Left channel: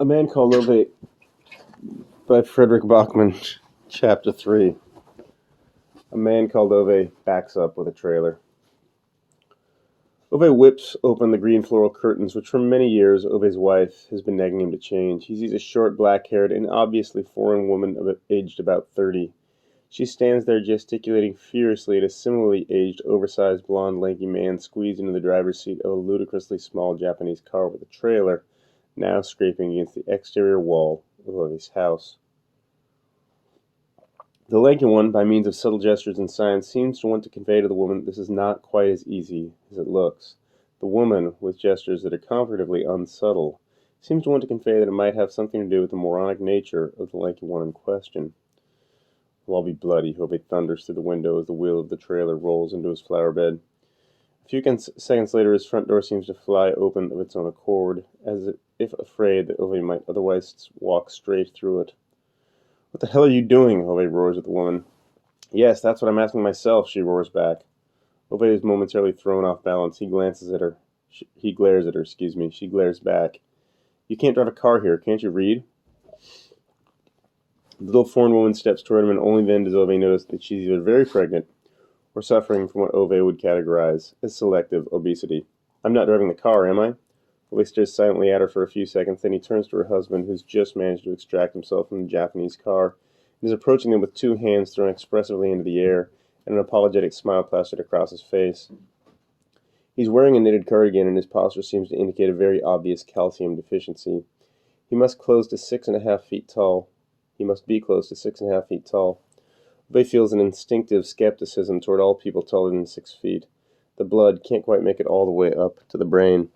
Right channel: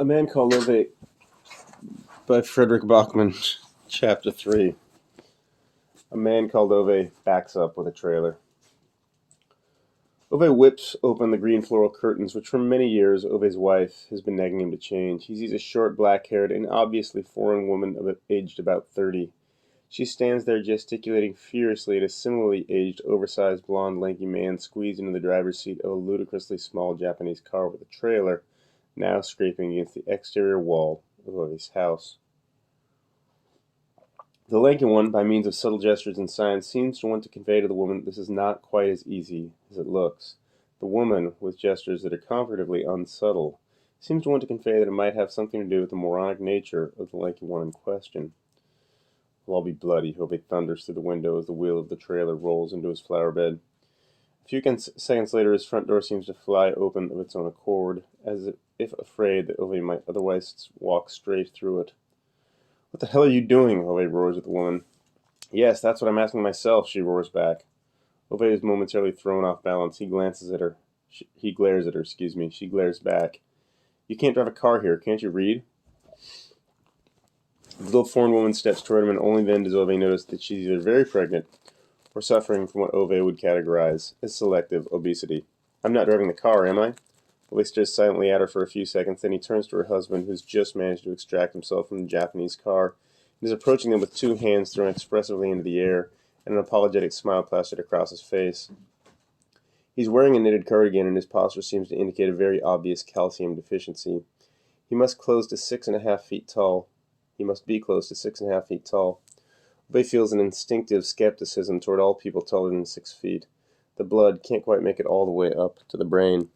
A Man Called Ove by Frederick Bachman, Chapter 3. A man called Ove backs up with a trailer. Ove whips open the green floral curtains, which for many years Ove's wife has been nagging him to change. He sees a short, black-haired, and obviously foreign woman aged about 30. She stands there gesticulating furiously at a similarly aged, oversized, blonde, lanky man squeezed into the driver's seat of a ludicrously small Japanese car with a trailer, now scraping against the exterior wall of Ove's house. The lanky one, by means of subtle gestures and signs, seems to want to convey to the woman that this is not quite as easy as it looks. The woman, with gestures that are comparatively unsubtle, seems to want to convey that it might have something to do with the moronic nature of the lanky one in question. "I'll be bloody," Ove thunders through the window as the wheel of the trailer rolls into his flower bed. A few seconds later, his front door seems to fly open of its own accord, as if afraid that Ove might otherwise walk straight through it. "What the hell are you doing?" Ove roars at the woman. "Yes, that's what I'm asking myself," she roars back. Ove is momentarily thrown off balance. He glares at her. She glares back. "You can't drive a car here. Can't you read?" The little foreign woman steps toward him, and only then does Ove notice that she's either very pregnant or suffering from what Ove would categorize as selective obesity. "I'm not driving the car, am I?" Ove stares silently at her for a few seconds, then he turns to her husband, who's just managed to extract himself from the Japanese car, and is approaching them with two hands thrown expressively into the air, and an apologetic smile plastered across his face. He's wearing a knitted cardigan, and his posture seems to indicate a very obvious calcium deficiency. He must be close to 6.5 feet tall. Ove feels an instinctive skepticism toward all people taller than 6 feet. The blood can't quite make it all the way up to the brain.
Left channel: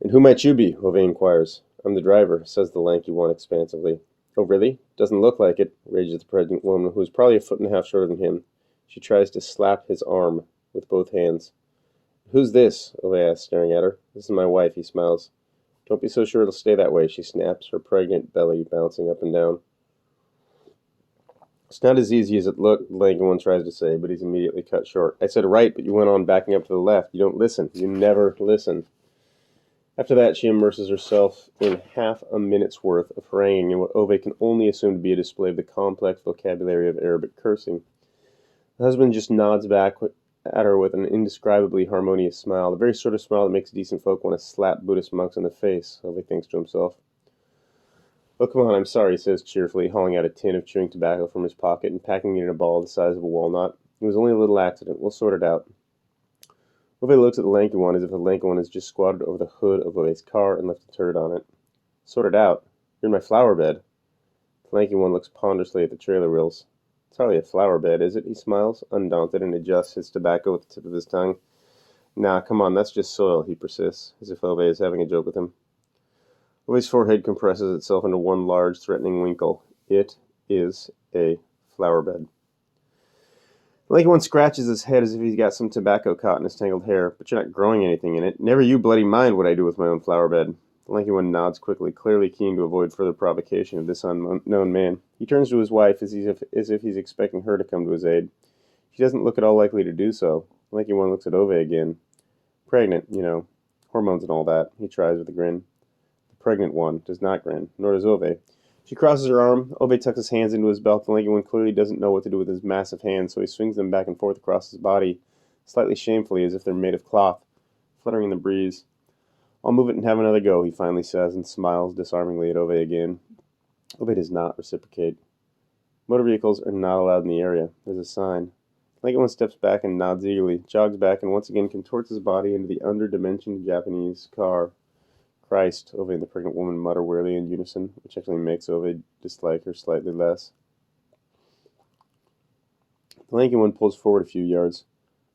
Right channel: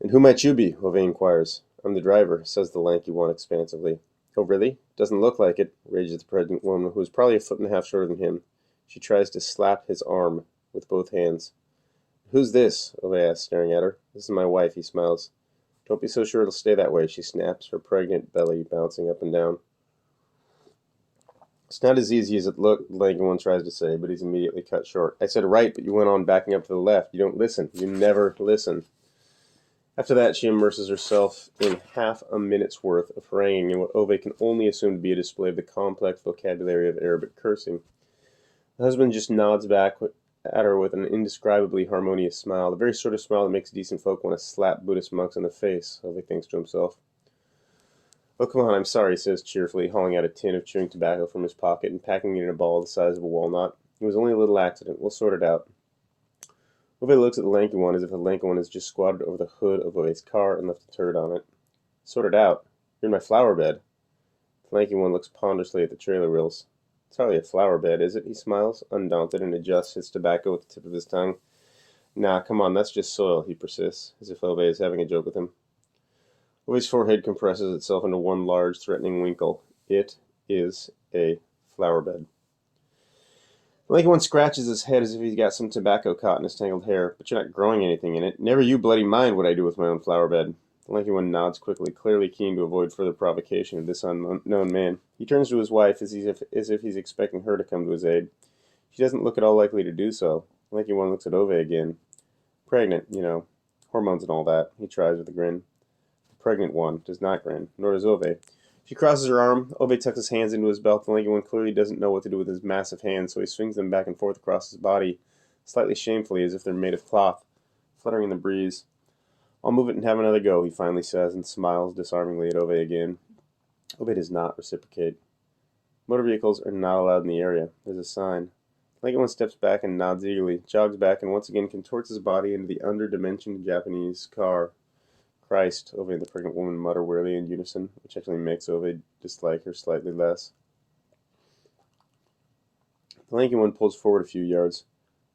"And who might you be?" Ove inquires. "I'm the driver," says the lanky one expansively. "Oh, really? Doesn't look like it," rages the pregnant woman, who is probably a foot and a half shorter than him. She tries to slap his arm with both hands. "Who's this?" Ove asks, staring at her. "This is my wife," he smiles. "Don't be so sure it'll stay that way," she snaps, her pregnant belly bouncing up and down. "It's not as easy as it looked," the lanky one tries to say, but he's immediately cut short. "I said right, but you went on backing up to the left. You don't listen. You never listen." After that, she immerses herself in half a minute's worth of haranguing in what Ove can only assume to be a display of the complex vocabulary of Arabic cursing. The husband just nods back at her with an indescribably harmonious smile, the very sort of smile that makes decent folk want to slap Buddhist monks in the face, Ove thinks to himself. "Oh, come on, I'm sorry," he says cheerfully, hauling out a tin of chewing tobacco from his pocket and packing it in a ball the size of a walnut. "It was only a little accident. We'll sort it out." Ove looks at the lanky one as if the lanky one has just squatted over the hood of Ove's car and left a turd on it. "Sort it out? You're in my flower bed." The lanky one looks ponderously at the trailer wheels. "It's hardly a flower bed, is it?" He smiles, undaunted, and adjusts his tobacco with the tip of his tongue. "Nah, come on, that's just soil," he persists, as if Ove is having a joke with him. Ove's forehead compresses itself into one large, threatening wrinkle. It is a flower bed. The lanky one scratches his head as if he's got some tobacco caught in his tangled hair. "But you're not growing anything in it." "Never you bloody mind what I do with my own flower bed." The lanky one nods quickly, clearly keen to avoid further provocation of this unknown man. He turns to his wife as if he's expecting her to come to his aid. She doesn't look at all likely to do so. The lanky one looks at Ove again. "Pregnant, you know. Hormones and all that," he tries with a grin. The pregnant one does not grin, nor does Ove. She crosses her arm. Ove tucks his hands into his belt. The lanky one clearly doesn't know what to do with his massive hands, so he swings them back and forth across his body, slightly shamefully, as if they're made of cloth, fluttering in the breeze. "I'll move it and have another go," he finally says, and smiles disarmingly at Ove again. Ove does not reciprocate. Motor vehicles are not allowed in the area. There's a sign. The lanky one steps back and nods eagerly, jogs back, and once again contorts his body into the underdimensioned Japanese car. "Christ," Ove and the pregnant woman mutter wearily in unison, which actually makes Ove dislike her slightly less. The lanky one pulls forward a few yards.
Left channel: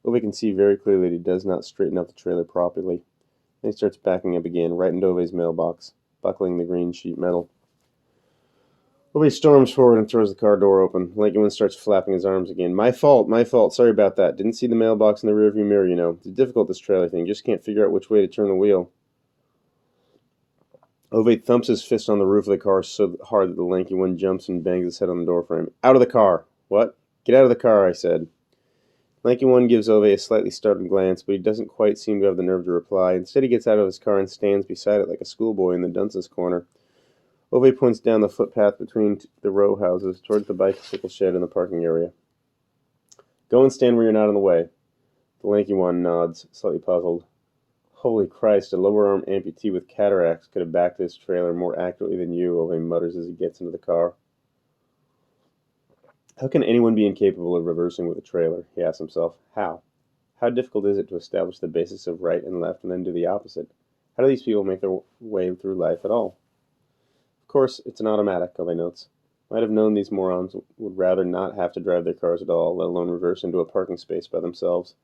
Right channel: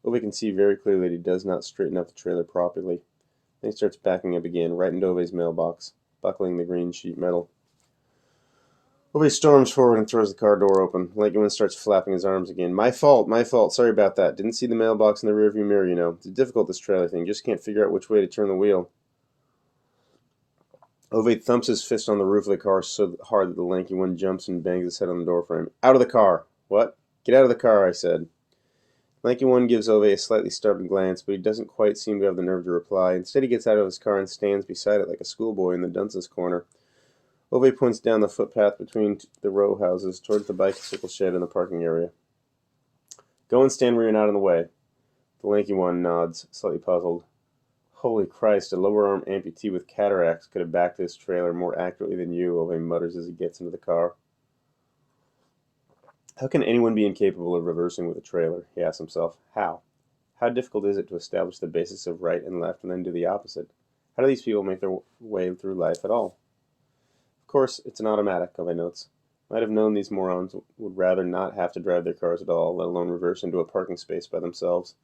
Ove can see very clearly that he does not straighten up the trailer properly. Then he starts backing up again, right into Ove's mailbox, buckling the green sheet metal. Ove storms forward and throws the car door open. The lanky one starts flapping his arms again. My fault. Sorry about that. Didn't see the mailbox in the rearview mirror, you know. It's difficult, this trailer thing. Just can't figure out which way to turn the wheel." Ove thumps his fist on the roof of the car so hard that the lanky one jumps and bangs his head on the door frame. "Out of the car!" "What?" "Get out of the car," I said. Lanky One gives Ove a slightly startled glance, but he doesn't quite seem to have the nerve to reply. Instead, he gets out of his car and stands beside it like a schoolboy in the dunce's corner. Ove points down the footpath between the row houses towards the bicycle shed and the parking area. Go and stand where you're not in the way. The Lanky One nods, slightly puzzled. Holy Christ, a lower arm amputee with cataracts could have backed this trailer more accurately than you, Ove mutters as he gets into the car. How can anyone be incapable of reversing with a trailer? He asks himself. How? How difficult is it to establish the basis of right and left and then do the opposite? How do these people make their way through life at all? Of course, it's an automatic, Ove notes. Might have known these morons would rather not have to drive their cars at all, let alone reverse into a parking space by themselves.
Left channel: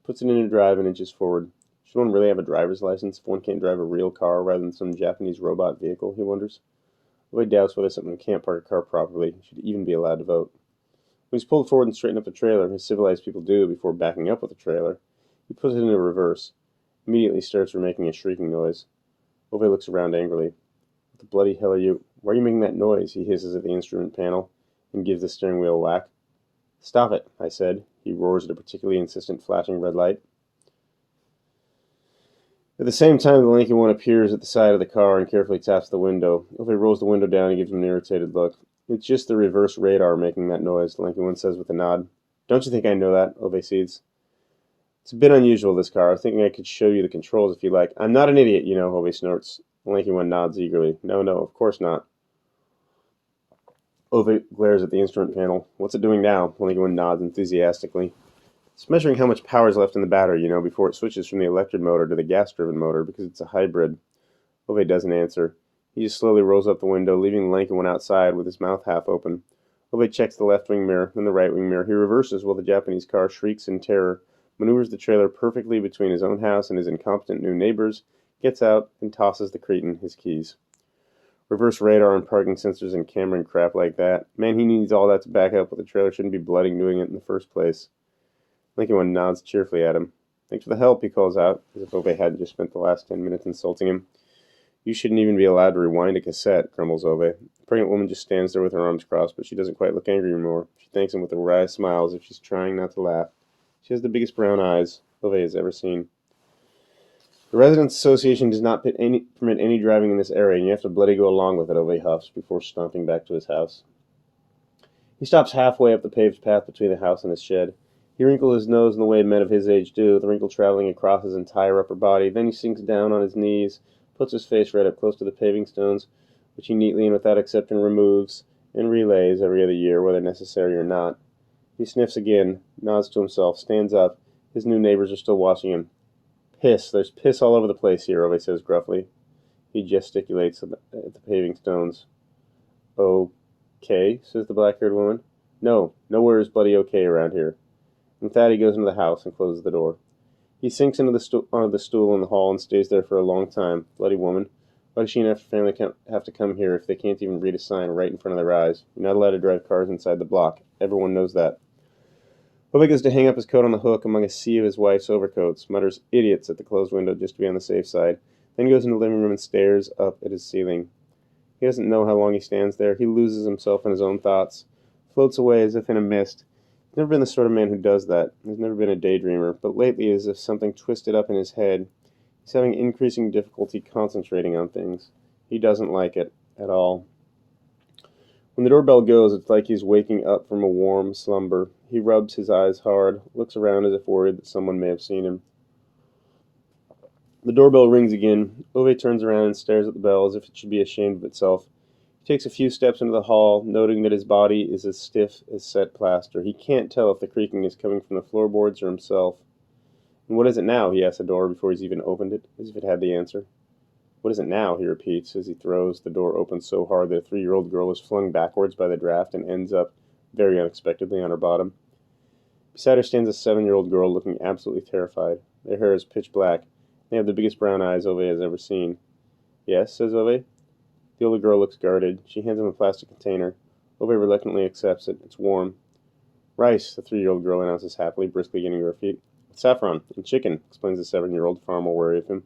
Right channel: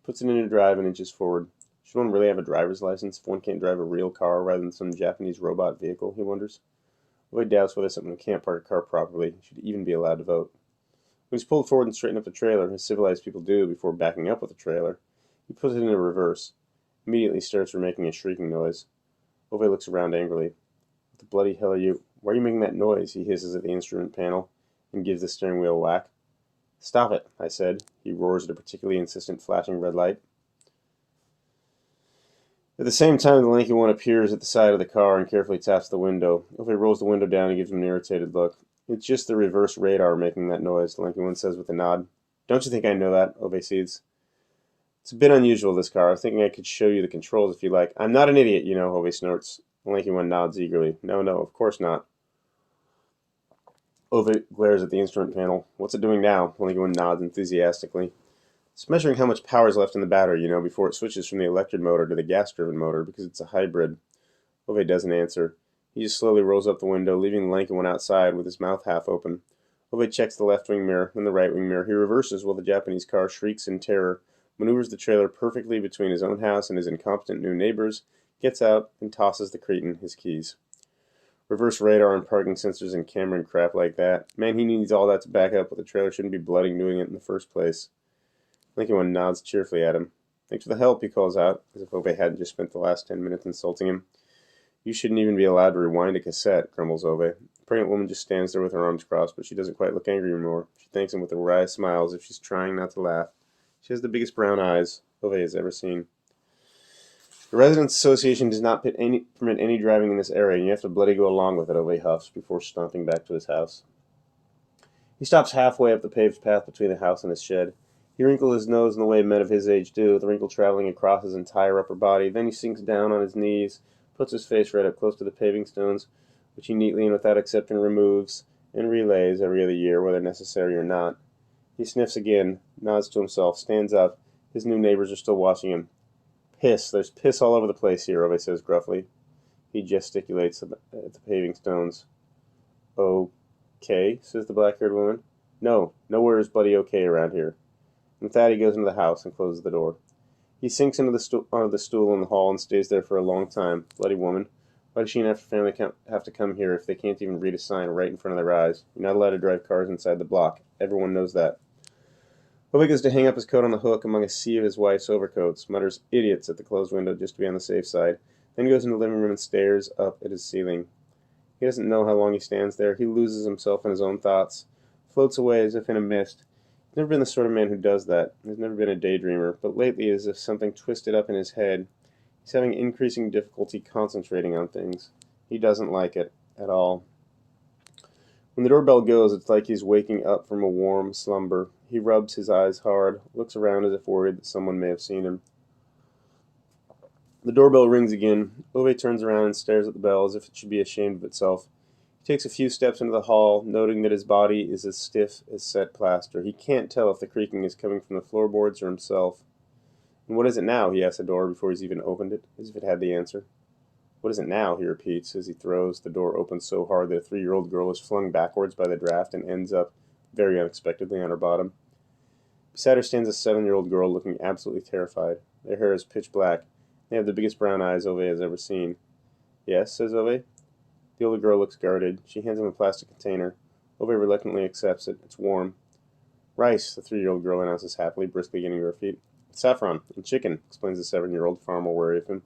He puts it into drive and inches forward. Should one really have a driver's license if one can't drive a real car rather than some Japanese robot vehicle, he wonders. Ove doubts whether someone who can't park a car properly should even be allowed to vote. When he's pulled forward and straightened up the trailer, as civilized people do before backing up with a trailer, he puts it into reverse. Immediately starts making a shrieking noise. Ove looks around angrily. What the bloody hell are you? Why are you making that noise? He hisses at the instrument panel and gives the steering wheel a whack. Stop it, I said. He roars at a particularly insistent flashing red light. At the same time, the Lanky One appears at the side of the car and carefully taps the window. Ove rolls the window down and gives him an irritated look. It's just the reverse radar making that noise, the Lanky One says with a nod. Don't you think I know that? Ove seethes. It's a bit unusual, this car. I was thinking I could show you the controls if you like. I'm not an idiot, you know, Ove snorts. The Lanky One nods eagerly. No, of course not. Ove glares at the instrument panel. What's it doing now? The Lanky One nods enthusiastically. It's measuring how much power is left in the battery, you know, before it switches from the electric motor to the gas-driven motor, because it's a hybrid. Ove doesn't answer. He just slowly rolls up the window, leaving the Lanky One outside with his mouth half open. Ove checks the left wing mirror, then the right wing mirror. He reverses while the Japanese car shrieks in terror, maneuvers the trailer perfectly between his own house and his incompetent new neighbors, gets out, and tosses the cretin his keys. Reverse radar and parking sensors and camera and crap like that. Man, he needs all that to back up, but the trailer shouldn't be bloody doing it in the first place. Lanky One nods cheerfully at him. Thanks for the help, he calls out, as if Ove hadn't just spent the last 10 minutes insulting him. You shouldn't even be allowed to rewind a cassette, grumbles Ove. The pregnant woman just stands there with her arms crossed, but she doesn't quite look angry anymore. She thanks him with a wry smile as if she's trying not to laugh. She has the biggest brown eyes Ove has ever seen. The Residents Association does not permit any driving in this area, and you have to bloody go along with it, Ove huffs, before stomping back to his house. He stops halfway up the paved path between the house and his shed. He wrinkles his nose in the way men of his age do, the wrinkle traveling across his entire upper body. Then he sinks down on his knees, puts his face right up close to the paving stones, which he neatly and without exception removes and relays every other year, whether necessary or not. He sniffs again, nods to himself, stands up. His new neighbors are still watching him. Piss. There's piss all over the place here, Ove says gruffly. He gesticulates at the paving stones. Okay, says the black-haired woman. No, nowhere is bloody okay around here. And with that, he goes into the house and closes the door. He sinks onto the stool in the hall and stays there for a long time. Bloody woman. Why does she and her family have to come here if they can't even read a sign right in front of their eyes? You're not allowed to drive cars inside the block. Everyone knows that. Ove goes to hang up his coat on the hook among a sea of his wife's overcoats, mutters idiots at the closed window just to be on the safe side, then goes into the living room and stares up at his ceiling. He doesn't know how long he stands there. He loses himself in his own thoughts, floats away as if in a mist. He's never been the sort of man who does that. He's never been a daydreamer, but lately, as if something twisted up in his head, he's having increasing difficulty concentrating on things. He doesn't like it at all. When the doorbell goes, it's like he's waking up from a warm slumber. He rubs his eyes hard, looks around as if worried that someone may have seen him. The doorbell rings again. Ove turns around and stares at the bell as if it should be ashamed of itself. He takes a few steps into the hall, noting that his body is as stiff as set plaster. He can't tell if the creaking is coming from the floorboards or himself. And what is it now? He asks the door before he's even opened it, as if it had the answer. What is it now? He repeats as he throws the door open so hard that a 3-year-old girl is flung backwards by the draft and ends up, very unexpectedly, on her bottom. Beside her stands a 7-year-old girl looking absolutely terrified. Their hair is pitch black. They have the biggest brown eyes Ove has ever seen. Yes, says Ove. The older girl looks guarded. She hands him a plastic container. Ove reluctantly accepts it. It's warm. Rice, the 3-year-old girl announces happily, briskly getting to her feet. Saffron and chicken, explains the 7-year-old, far more wary of him.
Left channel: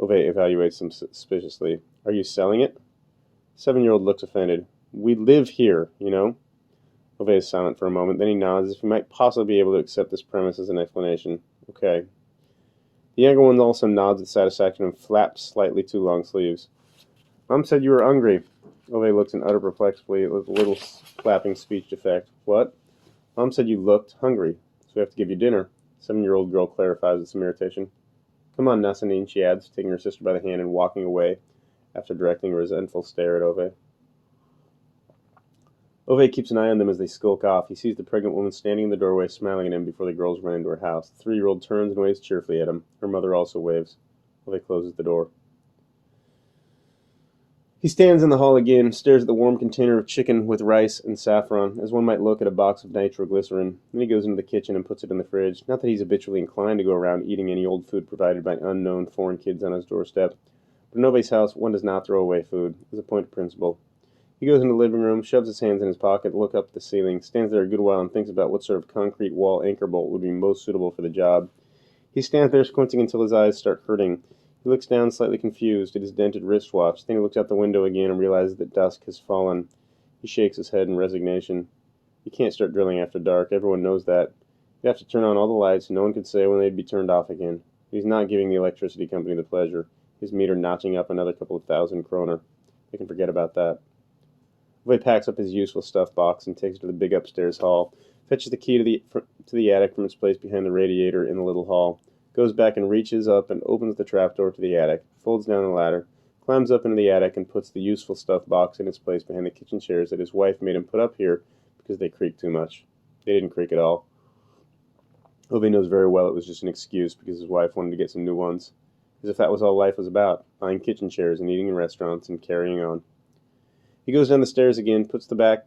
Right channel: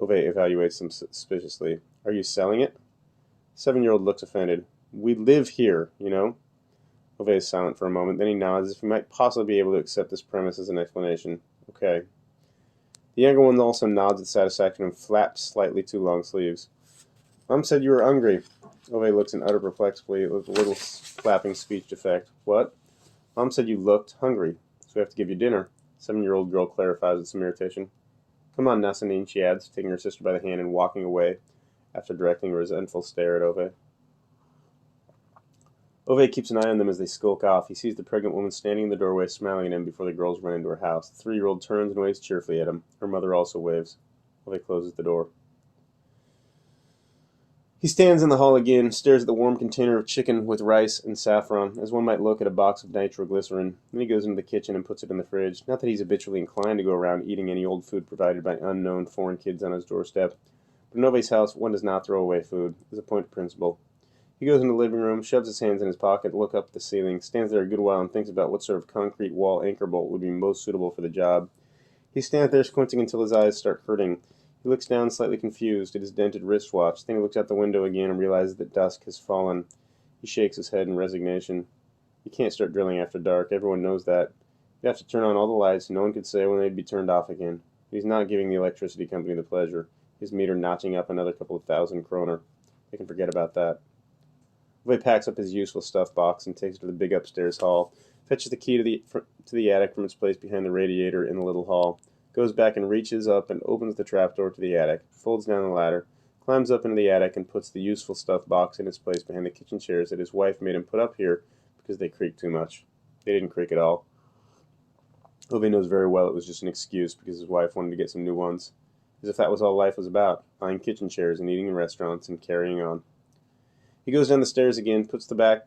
Ove evaluates him suspiciously. Are you selling it? The 7-year-old looks offended. We live here, you know. Ove is silent for a moment, then he nods as if he might possibly be able to accept this premise as an explanation. Okay. The younger one also nods with satisfaction and flaps slightly too long sleeves. Mom said you were hungry. Ove looks in utter perplexity with a little flapping speech defect. What? Mom said you looked hungry, so we have to give you dinner. 7-year-old girl clarifies with some irritation. Come on, Nassanine, she adds, taking her sister by the hand and walking away after directing a resentful stare at Ove. Ove keeps an eye on them as they skulk off. He sees the pregnant woman standing in the doorway smiling at him before the girls run into her house. The 3-year-old turns and waves cheerfully at him. Her mother also waves. Ove closes the door. He stands in the hall again, stares at the warm container of chicken with rice and saffron, as one might look at a box of nitroglycerin. Then he goes into the kitchen and puts it in the fridge. Not that he's habitually inclined to go around eating any old food provided by unknown foreign kids on his doorstep. But in Ove's house, one does not throw away food. It's a point of principle. He goes into the living room, shoves his hands in his pocket, looks up at the ceiling, stands there a good while and thinks about what sort of concrete wall anchor bolt would be most suitable for the job. He stands there squinting until his eyes start hurting. He looks down, slightly confused, at his dented wristwatch. Then he looks out the window again and realizes that dusk has fallen. He shakes his head in resignation. You can't start drilling after dark. Everyone knows that. You have to turn on all the lights. No one could say when they'd be turned off again. He's not giving the electricity company the pleasure. His meter notching up another couple of thousand kroner. They can forget about that. Ove packs up his useful stuff box and takes it to the big upstairs hall, fetches the key to the attic from its place behind the radiator in the little hall, goes back and reaches up and opens the trapdoor to the attic, folds down the ladder, climbs up into the attic and puts the useful stuff box in its place behind the kitchen chairs that his wife made him put up here because they creaked too much. They didn't creak at all. Ove knows very well it was just an excuse because his wife wanted to get some new ones, as if that was all life was about, buying kitchen chairs and eating in restaurants and carrying on. He goes down the stairs again, puts back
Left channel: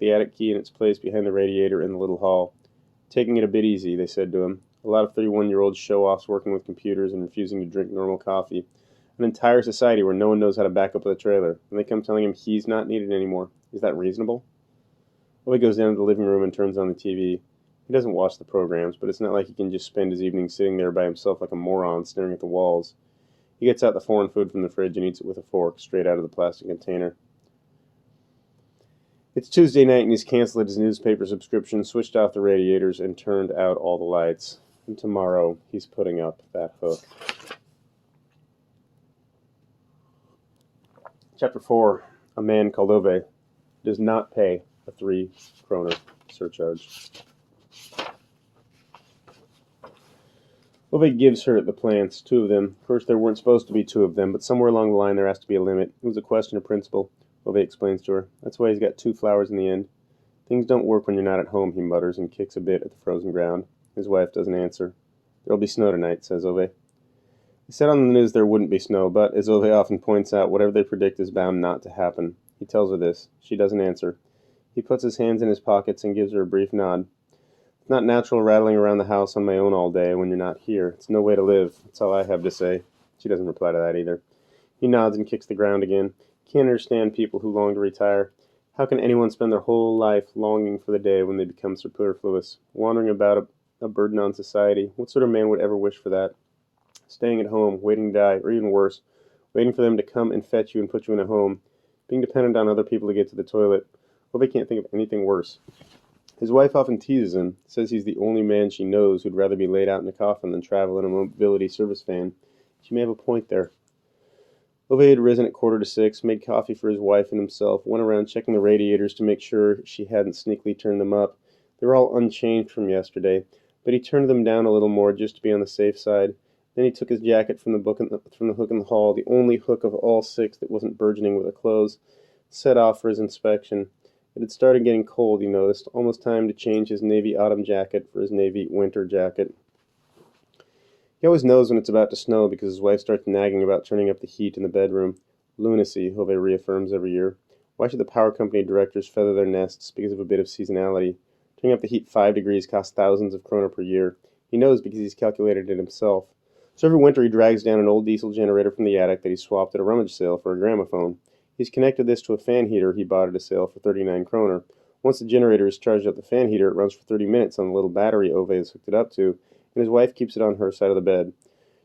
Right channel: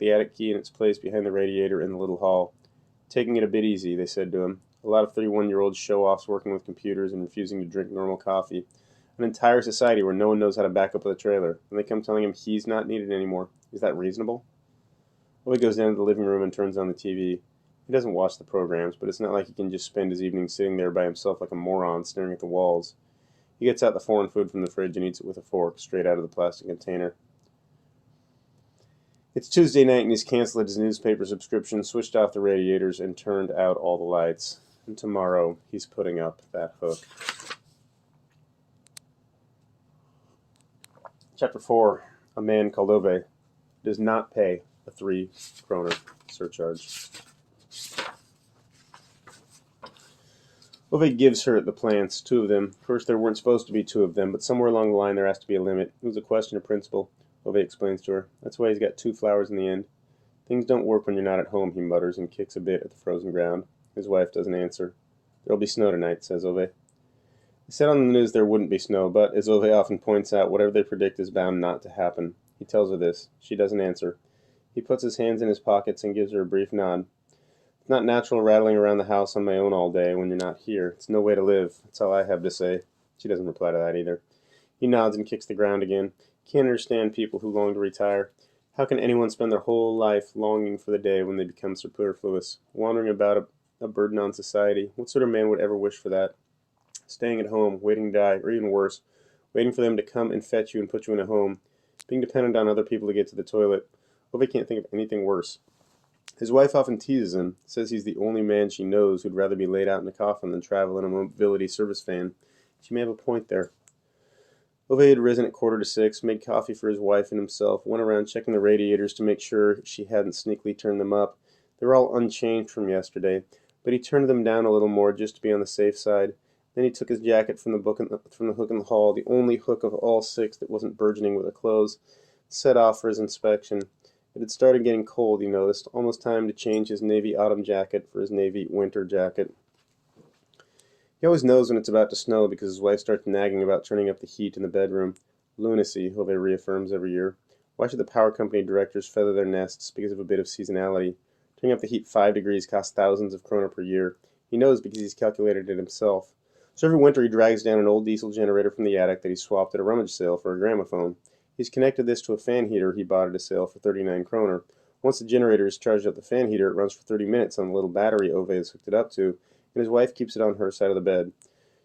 the attic key in its place behind the radiator in the little hall. Taking it a bit easy, they said to him. A lot of 31-year-old show-offs working with computers and refusing to drink normal coffee. An entire society where no one knows how to back up with a trailer. And they come telling him he's not needed anymore. Is that reasonable? Ove goes down to the living room and turns on the TV. He doesn't watch the programs, but it's not like he can just spend his evening sitting there by himself like a moron staring at the walls. He gets out the foreign food from the fridge and eats it with a fork, straight out of the plastic container. It's Tuesday night and he's canceled his newspaper subscription, switched off the radiators, and turned out all the lights. And tomorrow he's putting up that hook. Chapter 4. A Man Called Ove does not pay a 3 kroner surcharge. Ove gives her the plants, 2 of them. First, there weren't supposed to be 2 of them, but somewhere along the line there has to be a limit. It was a question of principle. Ove explains to her. That's why he's got 2 flowers in the end. Things don't work when you're not at home, he mutters and kicks a bit at the frozen ground. His wife doesn't answer. There'll be snow tonight, says Ove. They said on the news there wouldn't be snow, but, as Ove often points out, whatever they predict is bound not to happen. He tells her this. She doesn't answer. He puts his hands in his pockets and gives her a brief nod. It's not natural rattling around the house on my own all day when you're not here. It's no way to live. That's all I have to say. She doesn't reply to that either. He nods and kicks the ground again. Can't understand people who long to retire. How can anyone spend their whole life longing for the day when they become superfluous, wandering about a burden on society? What sort of man would ever wish for that? Staying at home, waiting to die, or even worse, waiting for them to come and fetch you and put you in a home, being dependent on other people to get to the toilet. Ove can't think of anything worse. His wife often teases him, says he's the only man she knows who'd rather be laid out in a coffin than travel in a mobility service van. She may have a point there. Ove had risen at 5:45, made coffee for his wife and himself, went around checking the radiators to make sure she hadn't sneakily turned them up. They were all unchanged from yesterday, but he turned them down a little more just to be on the safe side. Then he took his jacket from the hook in the hall, the only hook of all 6 that wasn't burgeoning with the clothes, set off for his inspection. It had started getting cold, he noticed, almost time to change his navy autumn jacket for his navy winter jacket. He always knows when it's about to snow because his wife starts nagging about turning up the heat in the bedroom. Lunacy, Ove reaffirms every year. Why should the power company directors feather their nests because of a bit of seasonality? Turning up the heat 5 degrees costs thousands of kroner per year. He knows because he's calculated it himself. So every winter he drags down an old diesel generator from the attic that he swapped at a rummage sale for a gramophone. He's connected this to a fan heater he bought at a sale for 39 kroner. Once the generator is charged up the fan heater, it runs for 30 minutes on the little battery Ove has hooked it up to, and his wife keeps it on her side of the bed.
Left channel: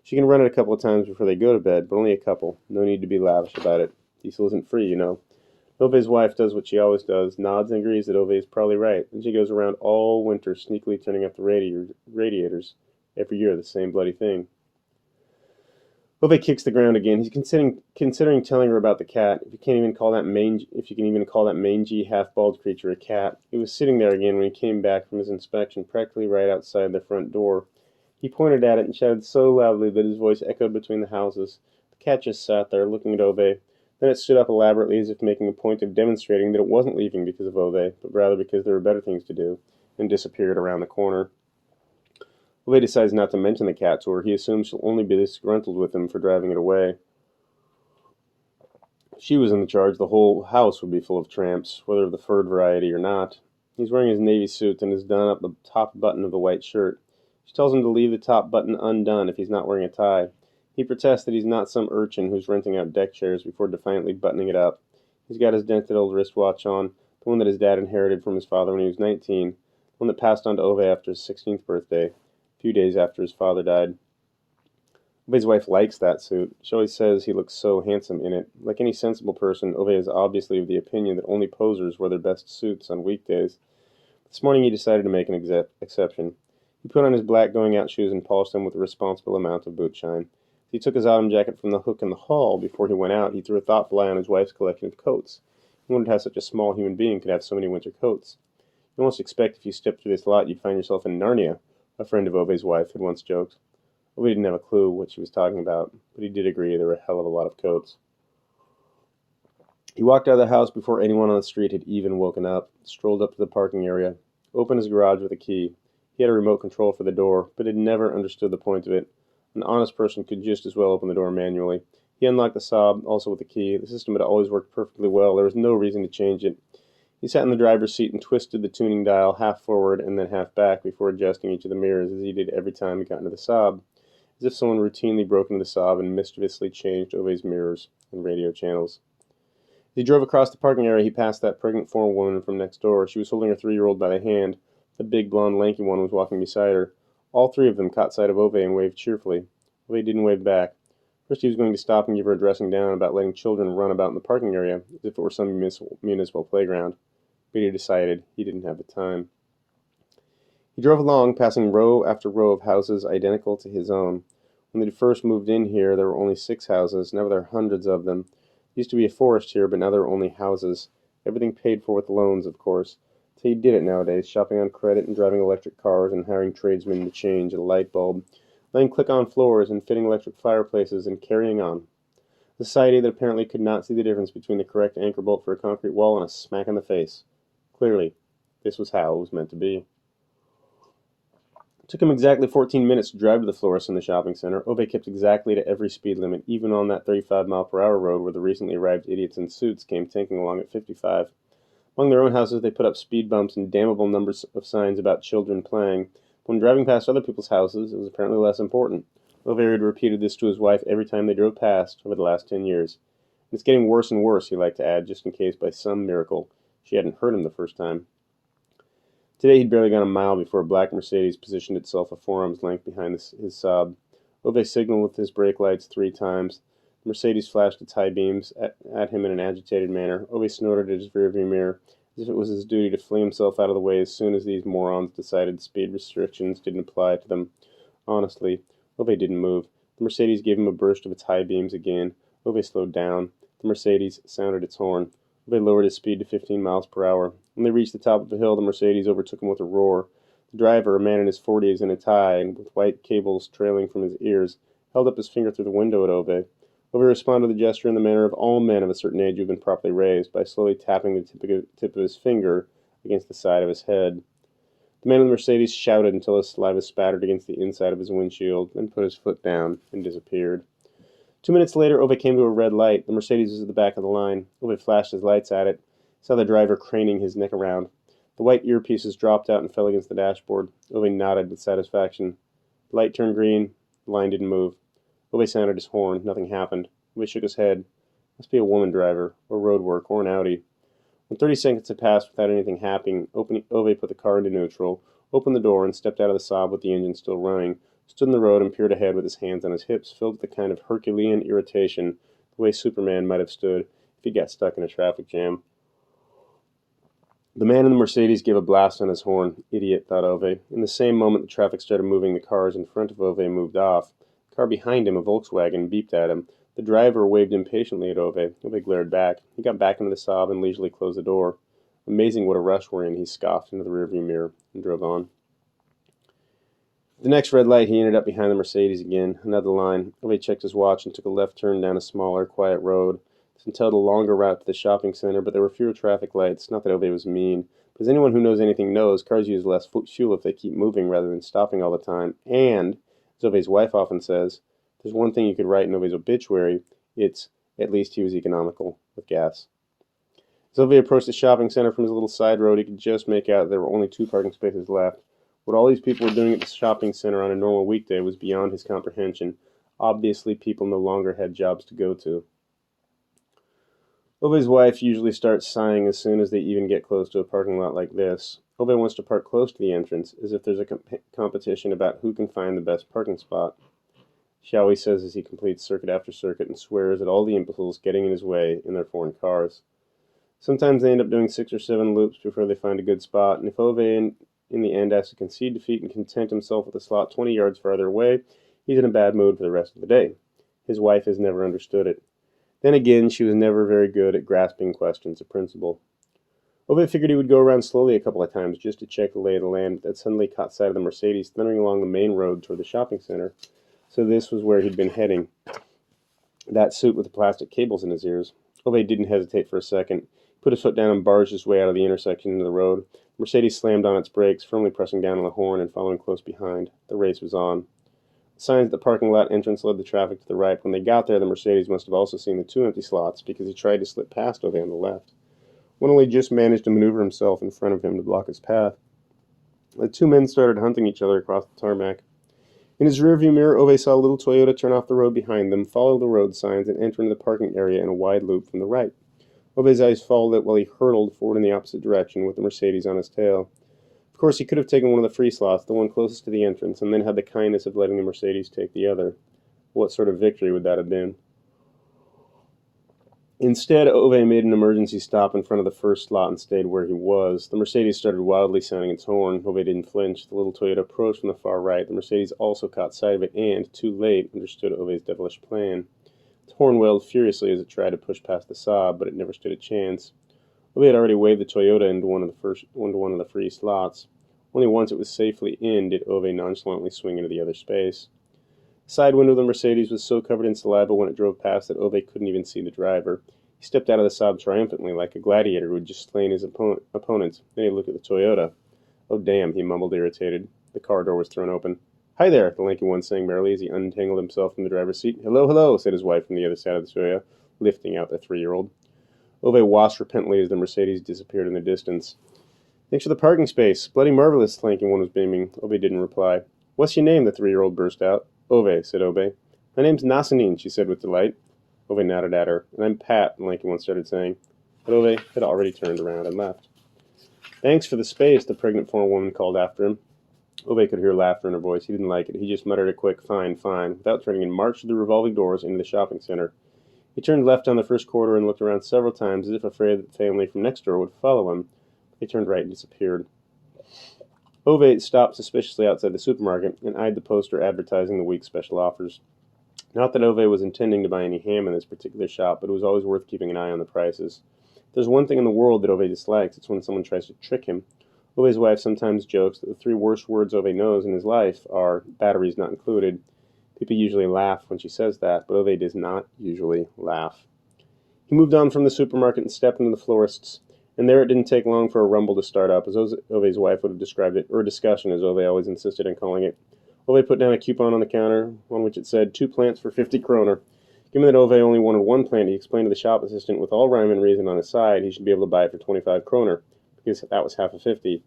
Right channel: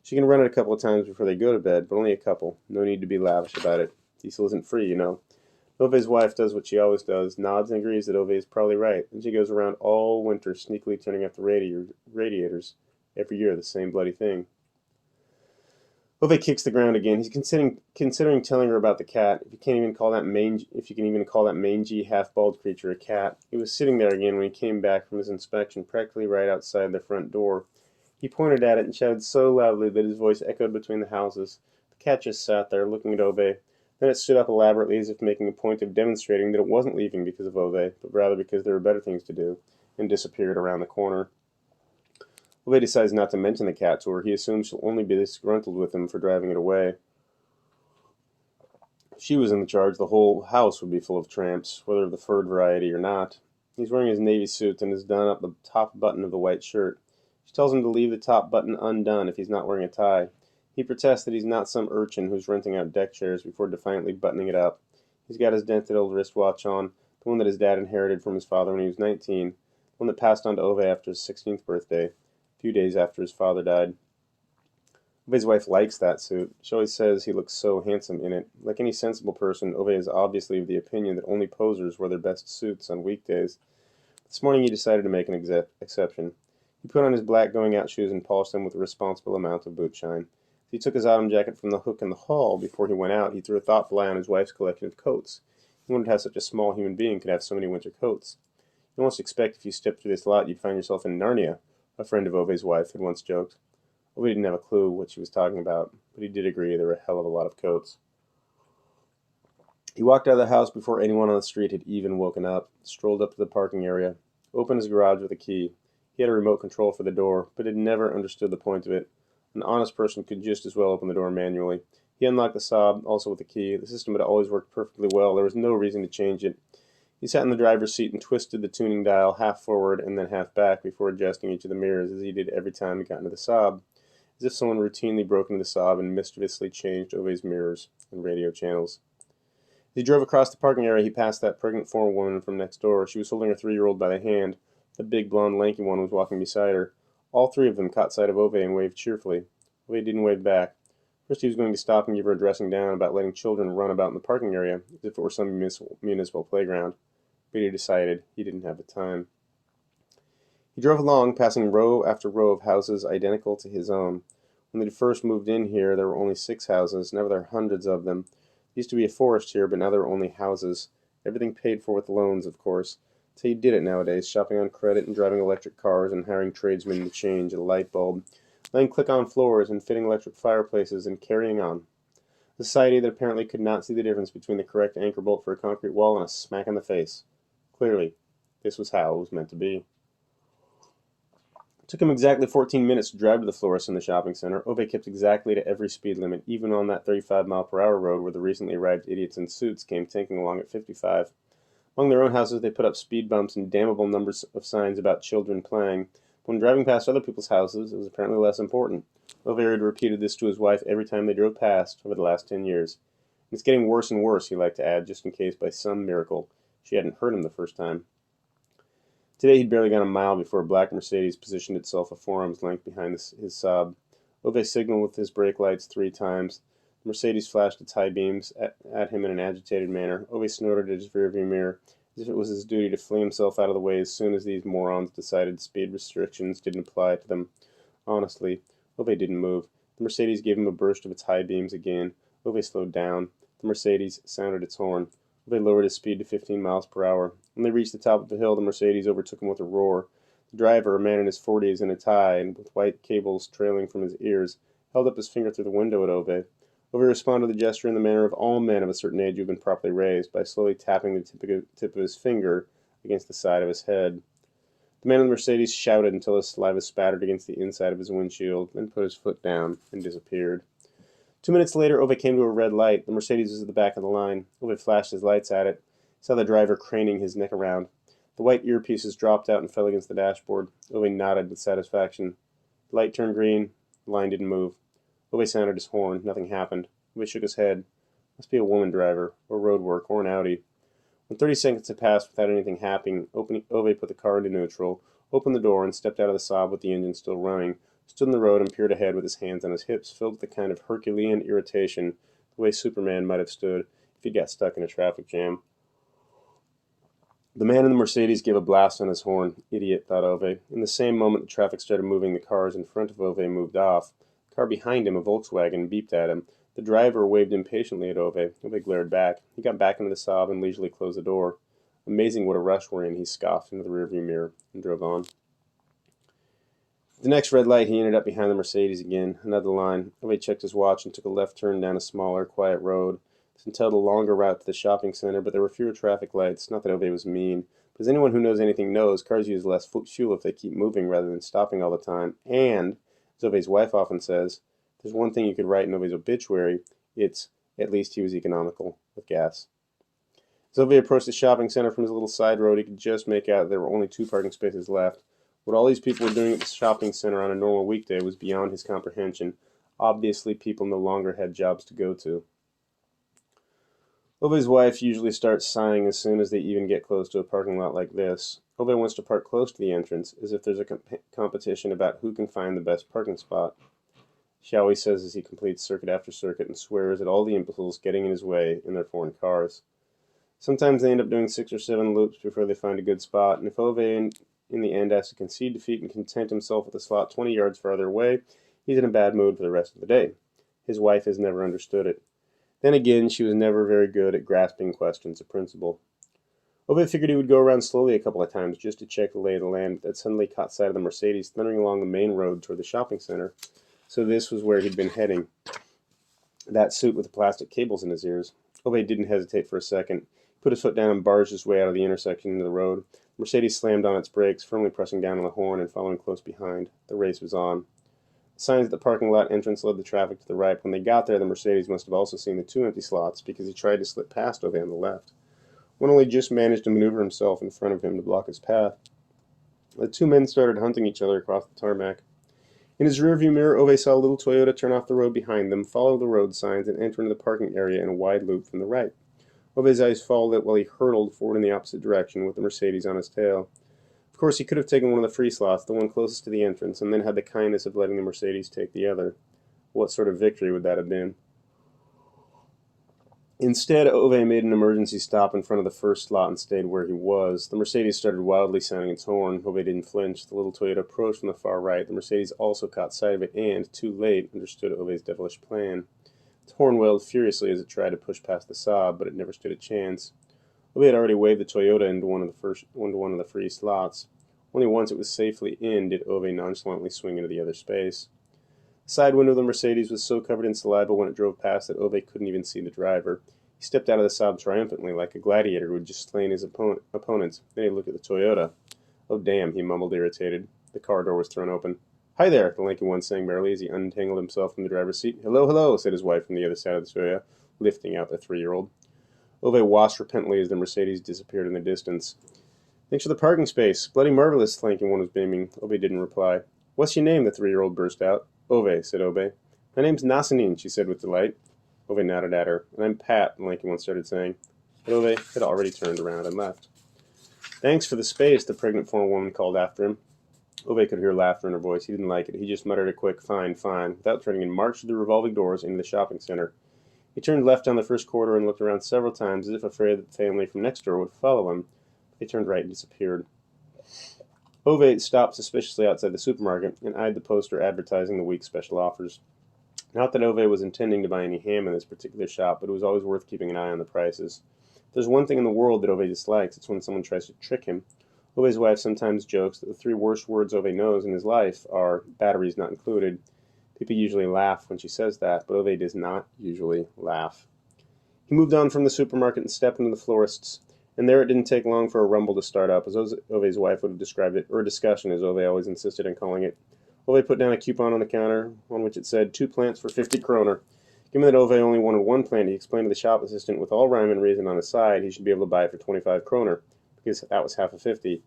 She can run it a couple of times before they go to bed, but only a couple. No need to be lavish about it. Diesel isn't free, you know. Ove's wife does what she always does, nods and agrees that Ove is probably right. Then she goes around all winter sneakily turning up the radiators. Every year, the same bloody thing. Ove kicks the ground again. He's considering telling her about the cat. If you can even call that mangy, half-bald creature a cat. He was sitting there again when he came back from his inspection, practically right outside the front door. He pointed at it and shouted so loudly that his voice echoed between the houses. The cat just sat there, looking at Ove. Then it stood up elaborately as if making a point of demonstrating that it wasn't leaving because of Ove, but rather because there were better things to do, and disappeared around the corner. Ove decides not to mention the cat to her. He assumes she'll only be disgruntled with him for driving it away. If she was in the charge, the whole house would be full of tramps, whether of the furred variety or not. He's wearing his navy suit and has done up the top button of the white shirt. She tells him to leave the top button undone if he's not wearing a tie. He protests that he's not some urchin who's renting out deck chairs before defiantly buttoning it up. He's got his dented old wristwatch on, the one that his dad inherited from his father when he was 19, the one that passed on to Ove after his 16th birthday, a few days after his father died. Ove's wife likes that suit. She always says he looks so handsome in it. Like any sensible person, Ove is obviously of the opinion that only posers wear their best suits on weekdays. This morning he decided to make an exception. He put on his black going-out shoes and polished them with a responsible amount of boot shine. He took his autumn jacket from the hook in the hall. Before he went out, he threw a thoughtful eye on his wife's collection of coats. He wondered how such a small human being could have so many winter coats. You almost expect if you stepped through this lot you'd find yourself in Narnia, a friend of Ove's wife had once joked. Ove didn't have a clue what she was talking about, but he did agree there were a hell of a lot of coats. He walked out of the house before anyone on the street had even woken up, strolled up to the parking area, opened his garage with a key. He had a remote control for the door, but had never understood the point of it. An honest person could just as well open the door manually. He unlocked the Saab, also with a key. The system had always worked perfectly well. There was no reason to change it. He sat in the driver's seat and twisted the tuning dial half forward and then half back before adjusting each of the mirrors, as he did every time he got into the Saab, as if someone routinely broke into the Saab and mischievously changed Ove's mirrors and radio channels. As he drove across the parking area, he passed that pregnant foreign woman from next door. She was holding her 3-year-old by the hand. The big, blonde, lanky one was walking beside her. All three of them caught sight of Ove and waved cheerfully. Ove didn't wave back. First he was going to stop and give her a dressing down about letting children run about in the parking area, as if it were some municipal playground. But he decided he didn't have the time. He drove along, passing row after row of houses identical to his own. When they first moved in here, there were only 6 houses. Now there are hundreds of them. There used to be a forest here, but now there are only houses. Everything paid for with loans, of course. That's how you did it nowadays, shopping on credit and driving electric cars and hiring tradesmen to change a light bulb, laying click-on floors and fitting electric fireplaces and carrying on. A society that apparently could not see the difference between the correct anchor bolt for a concrete wall and a smack in the face. Clearly, this was how it was meant to be. It took him exactly 14 minutes to drive to the florist in the shopping center. Ove kept exactly to every speed limit, even on that 35-mile-per-hour road where the recently arrived idiots in suits came tanking along at 55. Among their own houses, they put up speed bumps and damnable numbers of signs about children playing. When driving past other people's houses, it was apparently less important. Ove had repeated this to his wife every time they drove past over the last 10 years. And it's getting worse and worse, he liked to add, just in case by some miracle she hadn't heard him the first time. Today he'd barely gone a mile before a black Mercedes positioned itself a forearm's length behind his Saab. Ove signaled with his brake lights 3 times. The Mercedes flashed its high beams at him in an agitated manner. Ove snorted at his rearview mirror, as if it was his duty to fling himself out of the way as soon as these morons decided speed restrictions didn't apply to them. Honestly, Ove didn't move. The Mercedes gave him a burst of its high beams again. Ove slowed down. The Mercedes sounded its horn. Ove lowered his speed to 15 miles per hour. When they reached the top of the hill, the Mercedes overtook him with a roar. The driver, a man in his 40s in a tie and with white cables trailing from his ears, held up his finger through the window at Ove. Ove responded to the gesture in the manner of all men of a certain age who have been properly raised, by slowly tapping the tip of his finger against the side of his head. The man in the Mercedes shouted until his saliva spattered against the inside of his windshield, then put his foot down and disappeared. 2 minutes later, Ove came to a red light. The Mercedes was at the back of the line. Ove flashed his lights at it, saw the driver craning his neck around. The white earpieces dropped out and fell against the dashboard. Ove nodded with satisfaction. The light turned green. The line didn't move. Ove sounded his horn. Nothing happened. Ove shook his head. Must be a woman driver, or road work, or an Audi. When 30 seconds had passed without anything happening, Ove put the car into neutral, opened the door, and stepped out of the Saab with the engine still running, stood in the road and peered ahead with his hands on his hips, filled with a kind of Herculean irritation, the way Superman might have stood if he got stuck in a traffic jam. The man in the Mercedes gave a blast on his horn. Idiot, thought Ove. In the same moment the traffic started moving, the cars in front of Ove moved off. The car behind him, a Volkswagen, beeped at him. The driver waved impatiently at Ove. Ove glared back. He got back into the Saab and leisurely closed the door. Amazing what a rush we're in, he scoffed into the rearview mirror and drove on. At the next red light, he ended up behind the Mercedes again. Another line. Ove checked his watch and took a left turn down a smaller, quiet road. This entailed a longer route to the shopping center, but there were fewer traffic lights. Not that Ove was mean. But as anyone who knows anything knows, cars use less fuel if they keep moving rather than stopping all the time. And, as Ove's wife often says, if there's one thing you could write in Ove's obituary, it's, at least he was economical with gas. As Ove approached the shopping center from his little side road, he could just make out there were only 2 parking spaces left. What all these people were doing at the shopping center on a normal weekday was beyond his comprehension. Obviously, people no longer had jobs to go to. Ove's wife usually starts sighing as soon as they even get close to a parking lot like this. Ove wants to park close to the entrance, as if there's a competition about who can find the best parking spot. She always says as he completes circuit after circuit and swears at all the imbeciles getting in his way in their foreign cars. Sometimes they end up doing 6 or 7 loops before they find a good spot, and if Ove in the end has to concede defeat and content himself with a slot 20 yards farther away, he's in a bad mood for the rest of the day. His wife has never understood it. Then again, she was never very good at grasping questions of principle. Ove figured he would go around slowly a couple of times just to check the lay of the land, but then suddenly caught sight of the Mercedes thundering along the main road toward the shopping center. So this was where he'd been heading. That suit with the plastic cables in his ears. Ove didn't hesitate for a second. He put his foot down and barged his way out of the intersection into the road. The Mercedes slammed on its brakes, firmly pressing down on the horn and following close behind. The race was on. Signs at the parking lot entrance led the traffic to the right. When they got there, the Mercedes must have also seen the 2 empty slots because he tried to slip past Ove on the left. One only just managed to maneuver himself in front of him to block his path. The 2 men started hunting each other across the tarmac. In his rearview mirror, Ove saw a little Toyota turn off the road behind them, follow the road signs, and enter into the parking area in a wide loop from the right. Ove's eyes followed it while he hurtled forward in the opposite direction with the Mercedes on his tail. Of course, he could have taken one of the free slots, the one closest to the entrance, and then had the kindness of letting the Mercedes take the other. What sort of victory would that have been? Instead, Ove made an emergency stop in front of the first slot and stayed where he was. The Mercedes started wildly sounding its horn. Ove didn't flinch. The little Toyota approached from the far right. The Mercedes also caught sight of it and, too late, understood Ove's devilish plan. Its horn wailed furiously as it tried to push past the Saab, but it never stood a chance. Ove had already waved the Toyota into one of the free slots. Only once it was safely in did Ove nonchalantly swing into the other space. The side window of the Mercedes was so covered in saliva when it drove past that Ove couldn't even see the driver. He stepped out of the Saab triumphantly, like a gladiator who had just slain his opponents. Then he looked at the Toyota. Oh, damn, he mumbled, irritated. The car door was thrown open. Hi there, the lanky one sang merrily as he untangled himself from the driver's seat. Hello, hello, said his wife from the other side of the Toyota, lifting out the 3-year-old. Ove watched repentantly as the Mercedes disappeared in the distance. Thanks for the parking space. Bloody marvelous, the lanky one was beaming. Ove didn't reply. What's your name? The 3-year-old burst out. Ove, said Ove. My name's Nasanine, she said with delight. Ove nodded at her. And I'm Pat, the lanky one started saying. But Ove had already turned around and left. Thanks for the space, the pregnant forewoman called after him. Ove could hear laughter in her voice. He didn't like it. He just muttered a quick, fine, fine, without turning and marched through the revolving doors into the shopping center. He turned left down the first corridor and looked around several times as if afraid that the family from next door would follow him. They turned right and disappeared. Ove stopped suspiciously outside the supermarket and eyed the poster advertising the week's special offers. Not that Ove was intending to buy any ham in this particular shop, but it was always worth keeping an eye on the prices. If there's one thing in the world that Ove dislikes, it's when someone tries to trick him. Ove's wife sometimes jokes that the 3 worst words Ove knows in his life are batteries not included. People usually laugh when she says that, but Ove does not usually laugh. He moved on from the supermarket and stepped into the florist's, and there it didn't take long for a rumble to start up, as Ove's wife would have described it, or a discussion, as Ove always insisted on calling it. Ove put down a coupon on the counter, on which it said 2 plants for 50 kroner. Given that Ove only wanted 1 plant, he explained to the shop assistant with all rhyme and reason on his side he should be able to buy it for 25 kroner, because that was half of 50.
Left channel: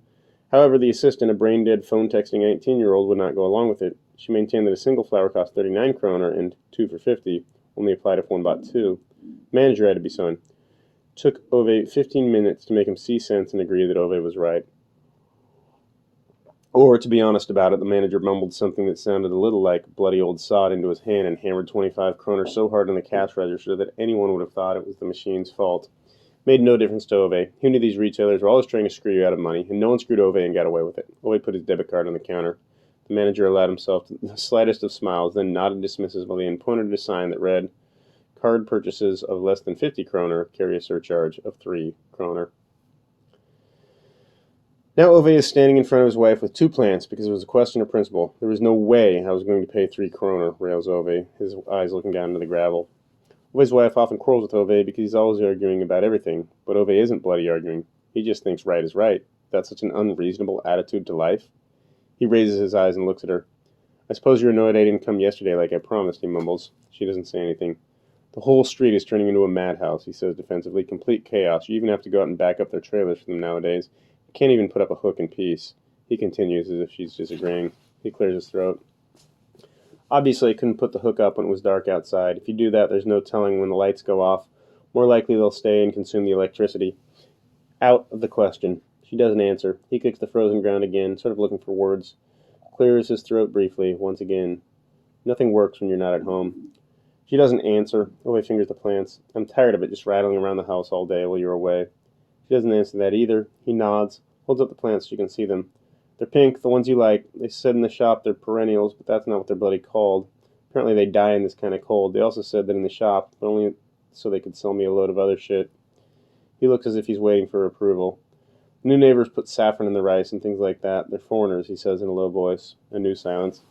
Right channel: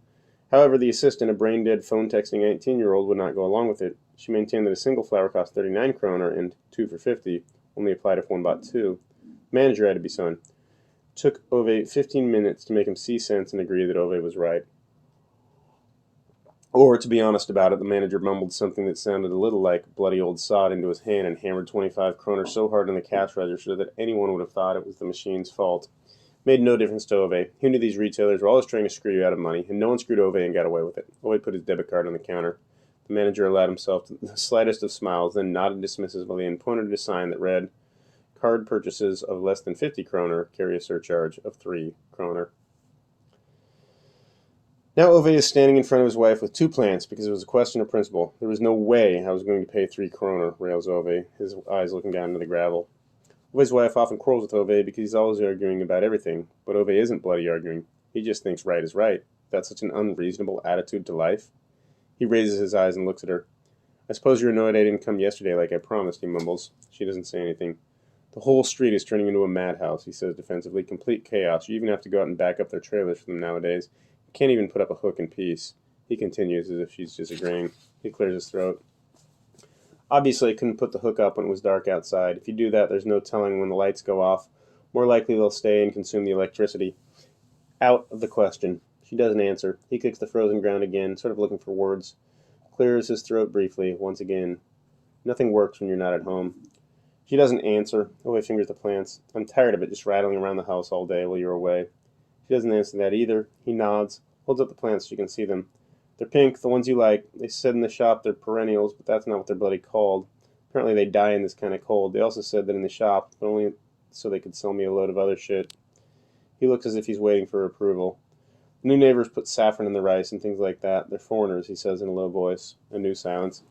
However, the assistant, a brain-dead, phone-texting 19-year-old, would not go along with it. She maintained that a single flower cost 39 kroner and 2 for 50 only applied if one bought 2. The manager had to be summoned. It took Ove 15 minutes to make him see sense and agree that Ove was right. Or, to be honest about it, the manager mumbled something that sounded a little like bloody old sod into his hand and hammered 25 kroner so hard on the cash register that anyone would have thought it was the machine's fault. Made no difference to Ove. He knew these retailers were always trying to screw you out of money, and no one screwed Ove and got away with it. Ove put his debit card on the counter. The manager allowed himself the slightest of smiles, then nodded dismissively and pointed at a sign that read, "Card purchases of less than 50 kroner carry a surcharge of 3 kroner." Now Ove is standing in front of his wife with 2 plants because it was a question of principle. There was no way I was going to pay 3 kroner, rails Ove, his eyes looking down into the gravel. Ove's wife often quarrels with Ove because he's always arguing about everything, but Ove isn't bloody arguing. He just thinks right is right. That's such an unreasonable attitude to life. He raises his eyes and looks at her. "I suppose you're annoyed I didn't come yesterday like I promised," he mumbles. She doesn't say anything. "The whole street is turning into a madhouse," he says defensively. "Complete chaos. You even have to go out and back up their trailers for them nowadays. You can't even put up a hook in peace." He continues as if she's disagreeing. He clears his throat. "Obviously, I couldn't put the hook up when it was dark outside. If you do that, there's no telling when the lights go off. More likely they'll stay and consume the electricity." "Out of the question." She doesn't answer. He kicks the frozen ground again, sort of looking for words. Clears his throat briefly, once again. "Nothing works when you're not at home." She doesn't answer. Ove fingers the plants. "I'm tired of it just rattling around the house all day while you're away." She doesn't answer that either. He nods, holds up the plants so you can see them. "They're pink, the ones you like. They said in the shop they're perennials, but that's not what they're bloody called. Apparently they die in this kind of cold. They also said that in the shop, but only so they could sell me a load of other shit." He looks as if he's waiting for approval. "The new neighbors put saffron in the rice and things like that. They're foreigners," he says in a low voice. A new silence.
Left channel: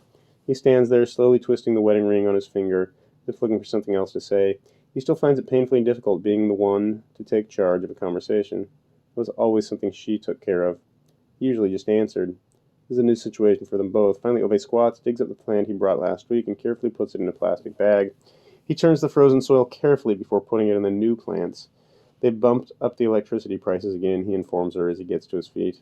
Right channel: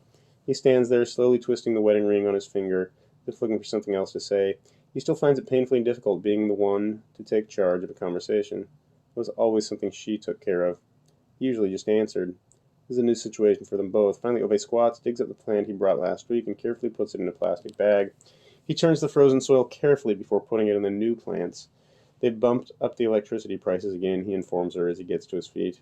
He stands there, slowly twisting the wedding ring on his finger, just looking for something else to say. He still finds it painfully difficult being the one to take charge of a conversation. It was always something she took care of. He usually just answered. This is a new situation for them both. Finally, Ove squats, digs up the plant he brought last week, and carefully puts it in a plastic bag. He turns the frozen soil carefully before putting it in the new plants. "They've bumped up the electricity prices again," he informs her as he gets to his feet.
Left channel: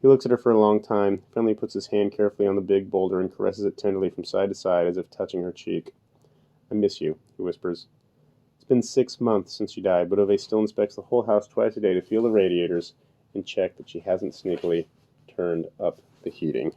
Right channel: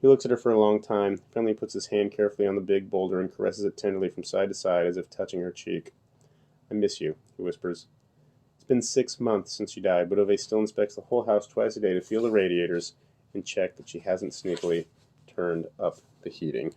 He looks at her for a long time, finally puts his hand carefully on the big boulder and caresses it tenderly from side to side as if touching her cheek. "I miss you," he whispers. It's been 6 months since she died, but Ove still inspects the whole house twice a day to feel the radiators and check that she hasn't sneakily turned up the heating.